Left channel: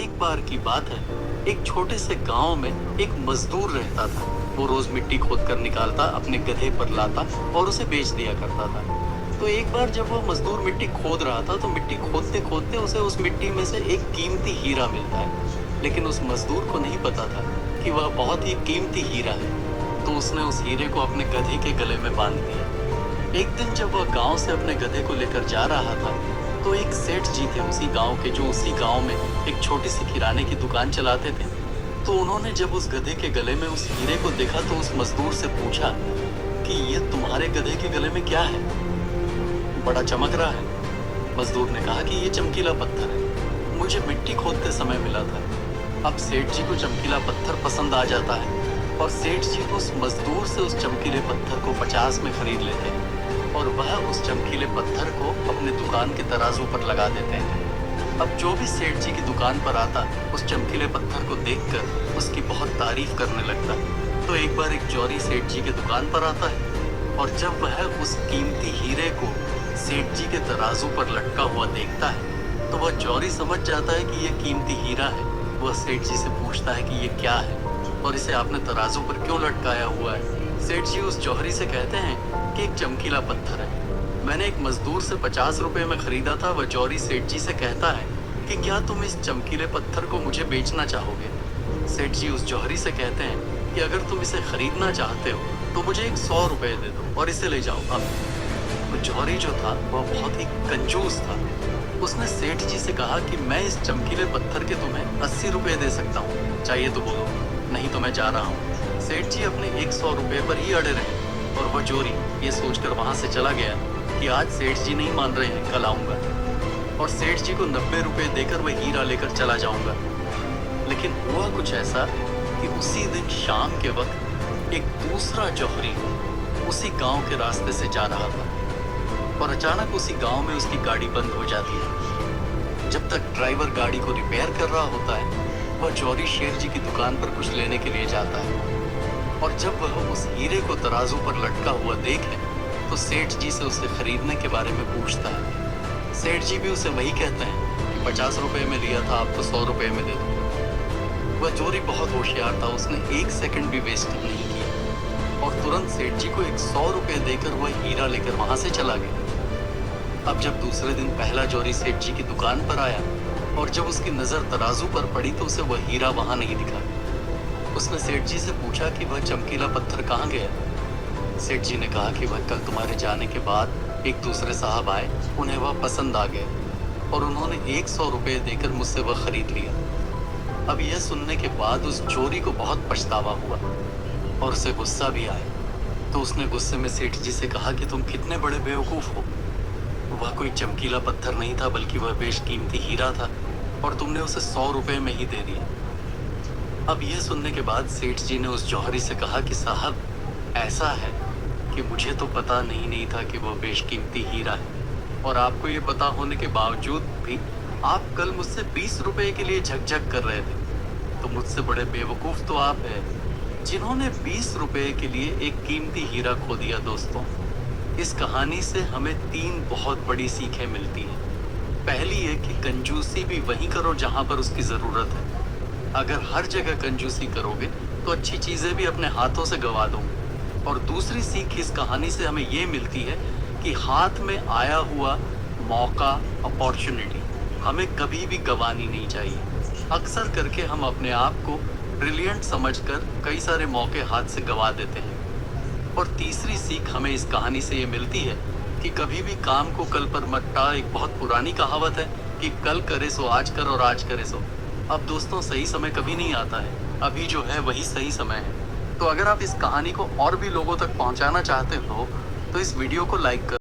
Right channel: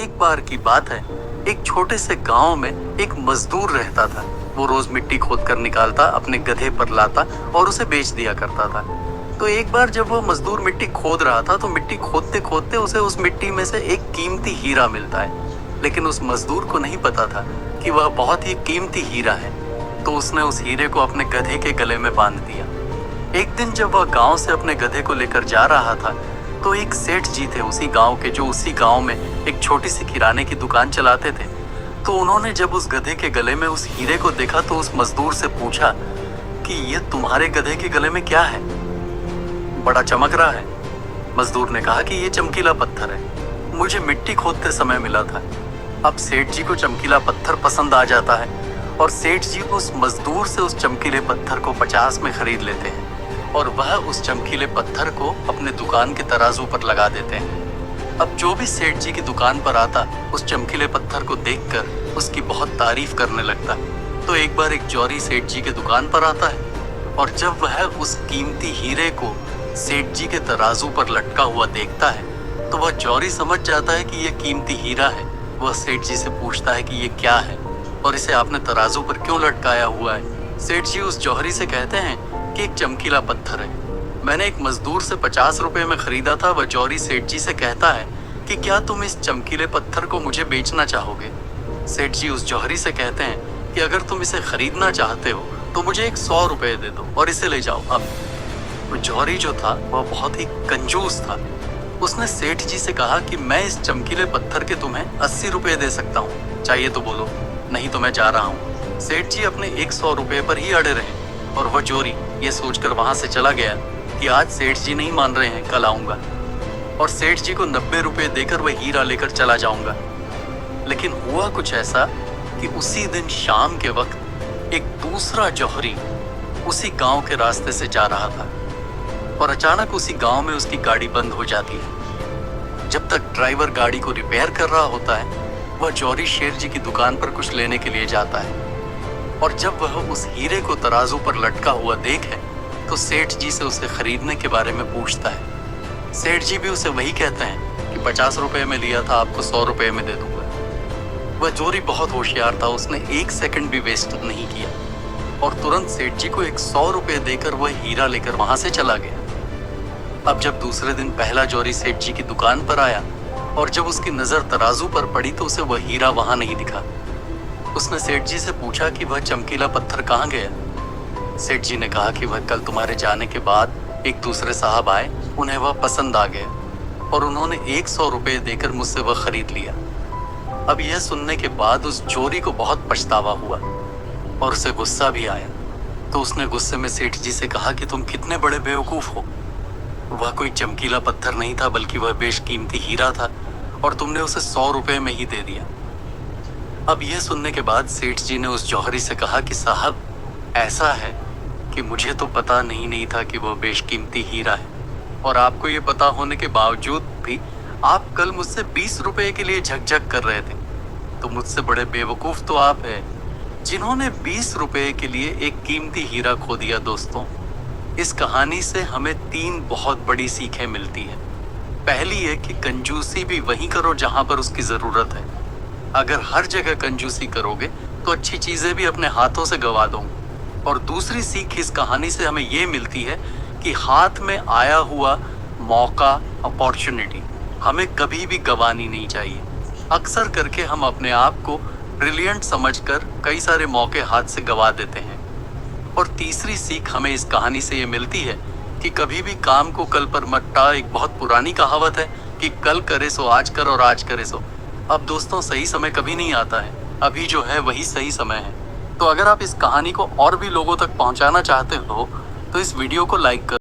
एक बार की बात है, एक छोटे से गांव में एक मजदूर रहता था। वो रोज मिट्टी खोद कर निकालता, अपने गधे पर लाता और उसे बेच दिया करता था। तो एक बार जब वो मजदूर मिट्टी खोद रहा था तो मिट्टी खोदते खोदते उसे उस मिट्टी में से एक कीमती हीरा मिलता है। लेकिन उस मजदूर को नहीं पता था कि वह बहुत ही कीमती हीरा है। तो उसने उस हीरे को अपने गधे के गले में बांध दिया। एक दिन जब वह गांव से अपने गधे को लेकर जा रहा था तो एक सेठ जी थे उसी गांव के, जो उसी गांव में एक छोटी सी किराने की दुकान चलाते थे। तो उन्होंने जब उस गधे के गले में उस हीरे को देखा तो उस मजदूर से पूछा कि ये तुम्हारे गधे के गले में क्या है, बड़ा चमक रहा है। मजदूर ने कहा कि ये चमकीला पत्थर है, मुझे मिट्टी खोदते समय मिला था। अब सेठ जी को चमकीला पत्थर पसंद आ जाता है और सेठ जी उस मजदूर से उस चमकीले पत्थर को 50 में खरीद लेते हैं और वह उस चमकीले पत्थर को अपने दुकान के तराजू पर लगा देते हैं। अब जो भी सेठ जी की दुकान पर आता उस चमकीले पत्थर को देखकर उसकी बहुत तारीफ करने लगता। तो एक बार एक जौहरी सेठ जी की दुकान पर आता है और जब वह उस कीमती हीरे को सेठ जी के तराजू पर लटका हुआ देखता है तो वह जौहरी समझ जाता है कि यह कीमती हीरा है। वह सेठ जी से पूछता है कि ये क्या है और इसे आपने तराजू पर क्यों लटकाया हुआ है। सेठ जी उस जौहरी से कहते हैं कि एक चमकीला पत्थर है, मैंने एक मजदूर से 50 रुपए में खरीदा था। वह जौहरी सेठ जी से कहता है कि क्या तुम इस चमकीले पत्थर को मुझे बेचना चाहोगे। सेठ जी उस जौहरी से कहते हैं कि अगर तुम इसे खरीदना चाहते हो तो मुझे एक 100 रुपए दे दो और इसे ले जाओ। अब वो जौहरी जो था वह बहुत ही कंजूस था। उसने सेठ जी से कहा कि मैं इस चमकीले पत्थर के तुम्हें 80 रुपए दे सकता हूँ, चाहिए तो बोलो, नहीं तो मैं जा रहा हूँ। सेठ जी अपने 100 रुपए पर ही अड़े रहे और वह जौहरी ये सोचकर वहां से चला गया कि आज सेठ जी नहीं मान रहे हैं, कल आऊंगा और सेठ जी को 90 रुपए देकर वह हीरा लेकर चला जाऊंगा। लेकिन हुआ कुछ ऐसा कि उसी दिन शाम के वक्त एक दूसरा जौहरी उसी गांव के रास्ते से जा रहा था और अचानक उसी गांव में उसकी गाड़ी बंद हो जाती है। जब तक ड्राइवर गाड़ी को रिपेयर कर रहा होता है वह जौहरी शेर जी की दुकान पर कुछ लेने के लिए जाता है और जब वह उस हीरे को तराजू पर लटका हुआ देखे तो सेठ जी से उसे खरीदने के बारे में पूछता है। सेठ जी भी उसे वही कहते हैं कि 50 रुपए में लिया था, आपको 100 रुपए में दे दूंगा। वह जौहरी बहुत होशियार था, उसने एक सेकंड भी वेस्ट नहीं किया और तुरंत सेठ जी को 100 रुपए देकर वह हीरा लेकर वहां से चला गया। अब जब दूसरे दिन पहला जौहरी सेठ जी की दुकान पर आया और जब उसकी नजर तराजू पर पड़ी तो उसे वह हीरा वहां नहीं दिखा। उसने सेठ जी से पूछा कि वह चमकीला पत्थर कहाँ गया। सेठ जी ने कहा कि वह कल तुम्हारे जाने के बाद एक दूसरे साहब आए, उन्हें वह पसंद आ गया और उन्होंने 100 रुपए देकर मुझसे वह खरीद लिया। अब यह सुनने के बाद उस चोरी को बहुत पछतावा हुआ और उसे गुस्सा भी आया। तो उसने गुस्से में सेठ जी से कहा कि तुम कितने बड़े बेवकूफ हो, वह कोई चमकीला पत्थर नहीं था बल्कि वह बेशकीमती हीरा था और तुमने उसे 100 रुपए में ही दे दिया। अब यह सुनने के बाद सेठ जी ने उस जौहरी से कहा कि साहब, ऐसा है कि मुझे तो पता नहीं था कि वह बेशकीमती हीरा है और आपको ये पता होने के बावजूद भी आप कल मुझसे 20 रुपए के लिए झकझक कर रहे थे। तो मुझसे बड़े बेवकूफ तो आप हैं जिन्होंने 20 रुपए के लिए एक कीमती हीरा खो दिया। दोस्तों, इस कहानी से हमें 3 बहुत बड़ी सीखें मिलती हैं। पहली है कि कंजूसी भी वहीं करो जहां पर उसकी ज़रूरत है। अगर हर जगह कंजूसी करोगे तो अच्छी चीज़ें भी अपने हाथों से गवा दोगे। और दूसरी सीख इस कहानी से हमें ये मिलती है कि हाथ में आया हुआ मौका, अपॉर्चुनिटी हमें कभी भी गंवानी नहीं चाहिए। अक्सर करके हम अपने आप को ब्रिलियंट समझकर कई सारे मौके हाथ से गंवा देते हैं। और तीसरी सीख हमें इस कहानी से ये मिलती है कि कभी भी काम को कल पर मत टाल। एक बहुत पुरानी कहावत है कि कल करे सो आज कर और आज करे सो। अब दोस्तों, सही समय कभी नहीं आता है, अभी जो है वही सही समय है। तो अगर आप इस कहानी को और भी लोगों तक पहुंचाना चाहते हो तो इस वीडियो को लाइक करो।